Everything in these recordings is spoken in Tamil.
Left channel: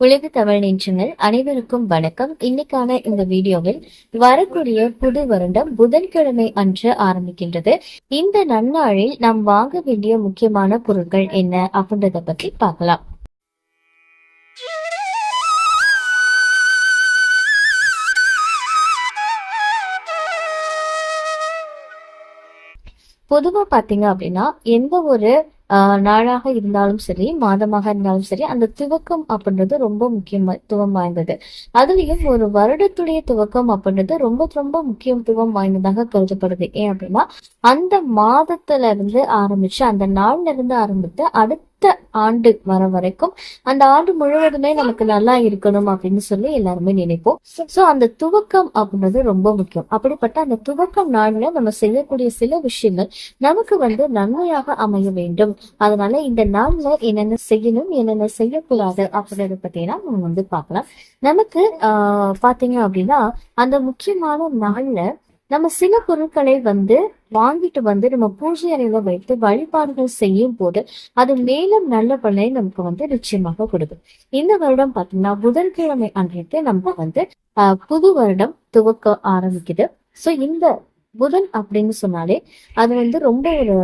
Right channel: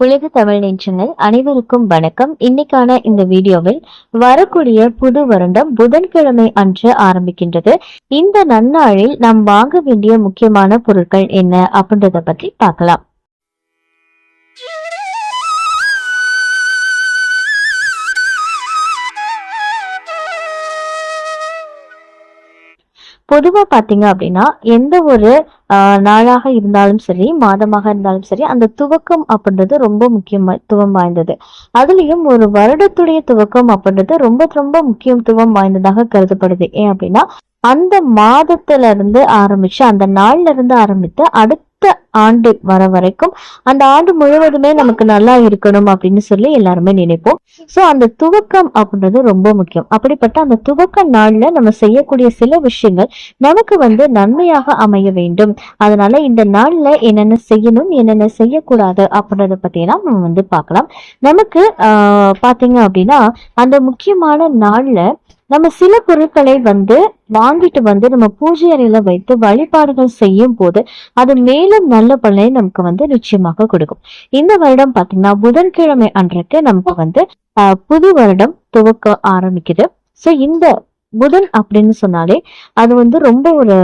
உலக தமிழ் நெஞ்சங்கள் அனைவருக்கும் வணக்கம். இன்னைக்கான இந்த வீடியோவில் வரக்கூடிய புது வருடம் புதன்கிழமை அன்று ஆரம்பிக்கின்றது. இந்த நன்னாளில் நாம் வாங்க வேண்டிய முக்கியமான பொருட்கள் என்ன அப்படின்றத பத்தி பார்க்கலாம். பொதுவா பாத்தீங்க அப்படின்னா எந்த ஒரு நாளாக இருந்தாலும் சரி, மாதமாக இருந்தாலும் சரி, அந்த துவக்கம் அப்படின்றது ரொம்ப முக்கியத்துவம் வாய்ந்தது. அதுலயும் ஒரு வருடத்துடைய துவக்கம் அப்படின்றது ரொம்ப ரொம்ப முக்கியத்துவம் வாய்ந்ததாக கருதப்படுது. ஏன் அப்படின்னா அந்த மாதத்துல இருந்து ஆரம்பிச்சு, அந்த நாள்ல இருந்து ஆரம்பித்து அடுத்த ஆண்டு வர வரைக்கும் அந்த ஆண்டு முழுவதுமே நமக்கு நல்லா இருக்கணும் அப்படின்னு சொல்லி எல்லாருமே நினைப்போம். சோ அந்த துவக்கம் அப்படின்றது ரொம்ப முக்கியம். அப்படிப்பட்ட அந்த துவக்க நாள்ல நம்ம செய்யக்கூடிய சில விஷயங்கள் நமக்கு நன்மையாக அமைய வேண்டும். அதனால இந்த நாள்ல என்னென்ன செய்யணும், என்னென்ன செய்யக்கூடாது அப்படின்றத பத்தினா நம்ம பார்க்கலாம். நமக்கு பாத்தீங்க அப்படின்னா அந்த முக்கியமான நாள்ல நம்ம சில பொருட்களை வாங்கிட்டு நம்ம பூஜை அறையில வைத்து வழிபாடுகள் செய்யும் போது அது மேலும் நல்ல பலனை நமக்கு நிச்சயமாக கொடுக்கும். இந்த வருடம் பாத்தீங்கன்னா புதன்கிழமை அன்றைக்கு நமக்கு புது வருடம் துவக்க ஆரம்பிக்குது. சோ இந்த புதன் அப்படின்னு சொன்னாலே அது ரொம்ப ஒரு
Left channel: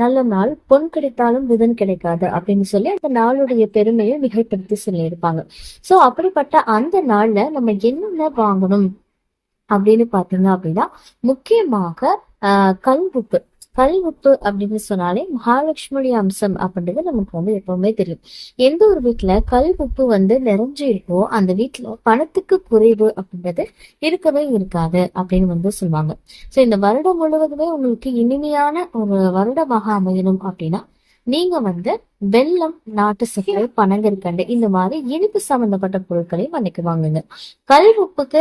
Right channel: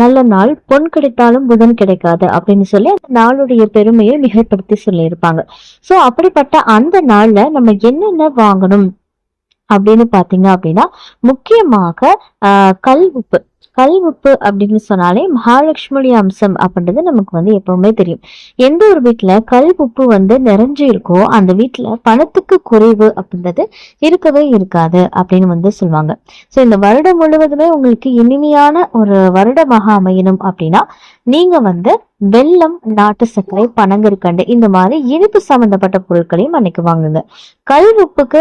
நல்ல நாள். பொன் கிடைத்தாலும் புதன் கிடைக்காது அப்படின்னு சொல்லி அந்த நாளுடைய பெருமையை மிகைப்படுத்தி சொல்லியிருப்பாங்க. சோ அப்படிப்பட்ட அந்த நாள்ல நம்ம என்னென்ன வாங்கணும் அப்படின்னு பாத்தீங்க அப்படின்னா முக்கியமாக கல்வுப்பு. கல்வுப்பு அப்படின்னு சொன்னாலே மகாலட்சுமியுடைய அம்சம் அப்படின்றது நமக்கு எப்பவுமே தெரியும். எந்த ஒரு வீட்டுல கல் உப்பு நிறைஞ்சு இருக்கோ அந்த வீட்டுல பணத்துக்கு குறைவு அப்படின்றது இருக்கவே இருக்காது அப்படின்னு சொல்லுவாங்க. சோ இந்த வருடம் முழுவதுமே உங்களுக்கு இனிமையான ஒரு வருடமாக அமையணும் அப்படின்னா நீங்க வெல்லம், நாட்டு சர்க்கரை, பனங்கற்கண்டு இந்த மாதிரி இனிப்பு சம்பந்தப்பட்ட பொருட்களையும் அன்னைக்கு வாங்குங்க. கல் உப்புக்கு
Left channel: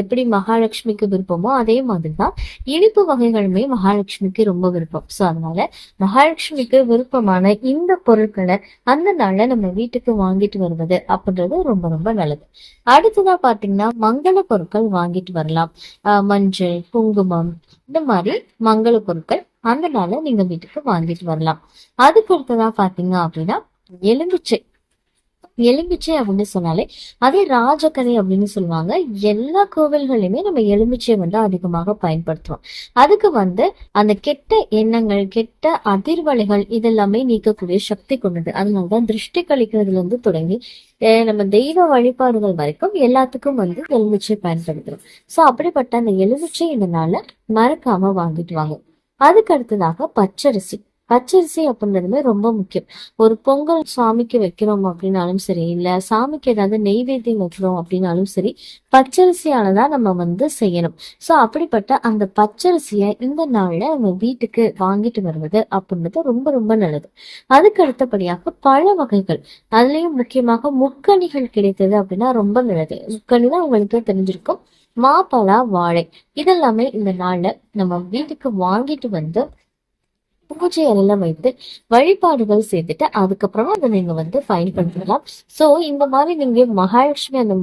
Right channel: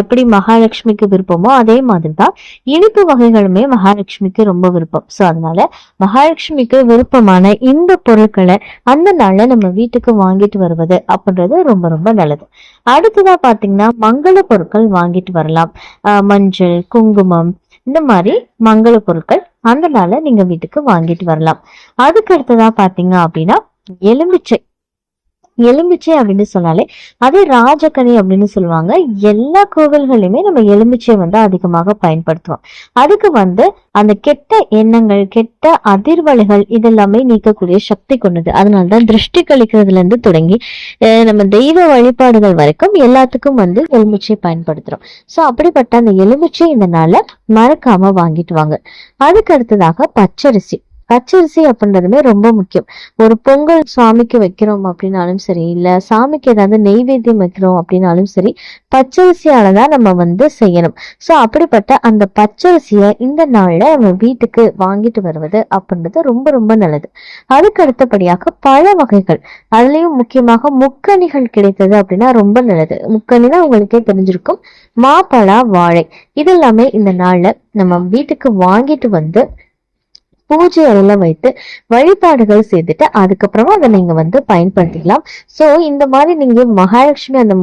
எப்படி மகாலட்சுமிக்கு விருப்பமோ அதே மாதிரிதான் இனிப்பு வகைகளுமே மகாலட்சுமிக்கு ரொம்ப விருப்பம். சோ அதனால மகாலட்சுமிக்கு விருப்பமான இந்த பொருட்களை அந்த நாள்ல நம்ம வீட்டுக்கு வாங்கிட்டு வருவது அப்படின்றது ரொம்ப ரொம்ப நல்லது. அடுத்ததா பாத்தீங்கன்னா மங்கள பொருட்கள் வாங்கிட்டு வரலாம். மஞ்சள், குங்குமம் இந்த மாதிரி மங்கள பொருட்கள் அந்த நாள்ல நீங்க வீட்டுக்கு வாங்கிட்டு வரலாம். அதுக்கு அடுத்ததா பாத்தீங்க அப்படின்னா எலுமிச்சை. எலுமிச்சை அப்படின்னு சொன்னாலே அதே ராஜக்கனி அப்படின்னு சொல்லுவாங்க. எல்லா கோவில்களையுமே நம்ம எலுமிச்சை அதிகமாக பயன்படுத்துவோம். அதுக்கு அந்த கெட்ட எண்ணங்கள், கெட்ட அதிர்வலைகள் இதெல்லாமே நீக்கக்கூடிய சக்தி கொண்டது. அதனாலதான் திருஷ்டி கழிக்கிறதுல இருந்து தொடங்கி நம்ம தெய்வ வழிபாடுகள் வரைக்கும் எல்லாத்துக்கும் எலுமிச்சை பயன்படுத்துறோம். சோ அப்படிப்பட்ட அந்த எலுமிச்சை இந்த நாள்ல மறக்காம வாங்கிட்டு வாங்க. அதுக்கு அடுத்ததாக பச்சரிசி. பச்சரிசி அப்படின்றதுமே ரொம்ப முக்கியம். ஒரு பொங்கல் சாமிக்கு வைக்கிறோம் அப்படின்னாலும் சரி, இல்ல சாமிக்கு ஏதாவது நெய்வேத்தியம் வைக்கிறோம் அப்படின்னாலும் சரி, பச்சரிசியாலதான் நம்ம செய்யணும். சோ அப்படிப்பட்ட அந்த பச்சரிசிய இந்த நாள்ல நம்ம வீட்டுக்கு வாங்கிட்டு வருவது அப்படின்றது ரொம்ப ரொம்ப நல்லது. அதுக்கு அடுத்தபடியாக பழ வகைகள், அதுலயும் முக்கியமாக முக்கணிகள் கிடைத்தது அப்படின்னா ரொம்ப நல்லது. முக்கணினா உங்களுக்கே தெரிஞ்சிருக்கும். மாப்பழா, வாழை இதெல்லாமே இந்த நாள்ல நம்ம வீட்டுக்கு வாங்கிட்டு பூஜை அறையில வைத்து வழிபாடுகள் செய்துட்டு அதுக்கப்புறமா அதை நீங்க பயன்படுத்திக்கலாம். சோ இந்த மாதிரி நீங்க மகாலட்சுமி அந்த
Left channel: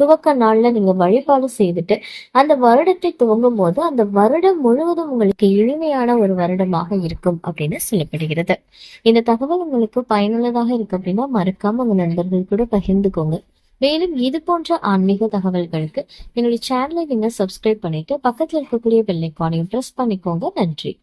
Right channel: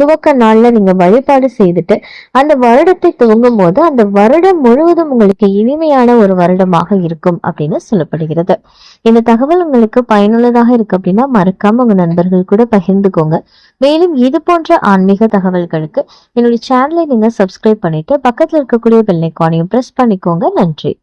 துவக்க நாள்ல நீங்க வழிபாடு செய்துட்டு அந்த வருடத்தை துவங்கும் போது அந்த வருடம் முழுவதும் உங்களுக்கு இனிமையான ஒரு வருடமாக இருக்கும் அப்படின்னு சொல்லப்படுகிறது. இந்த தகவல் உங்களுக்கு பயனுள்ளதாக இருக்கு அப்படின்னா மறக்காம உங்க நண்பர்கள் கூட பகிர்ந்துக்கோங்க. மேலும் இது போன்ற ஆன்மீக தகவல்களுக்கு என்னுடைய சேனலை நீங்க சப்ஸ்கிரைப் பண்ணிட்டு பக்கத்துல இருக்கக்கூடிய பெல் ஐகானையும் பிரஸ் பண்ணிக்கோங்க. நன்றி.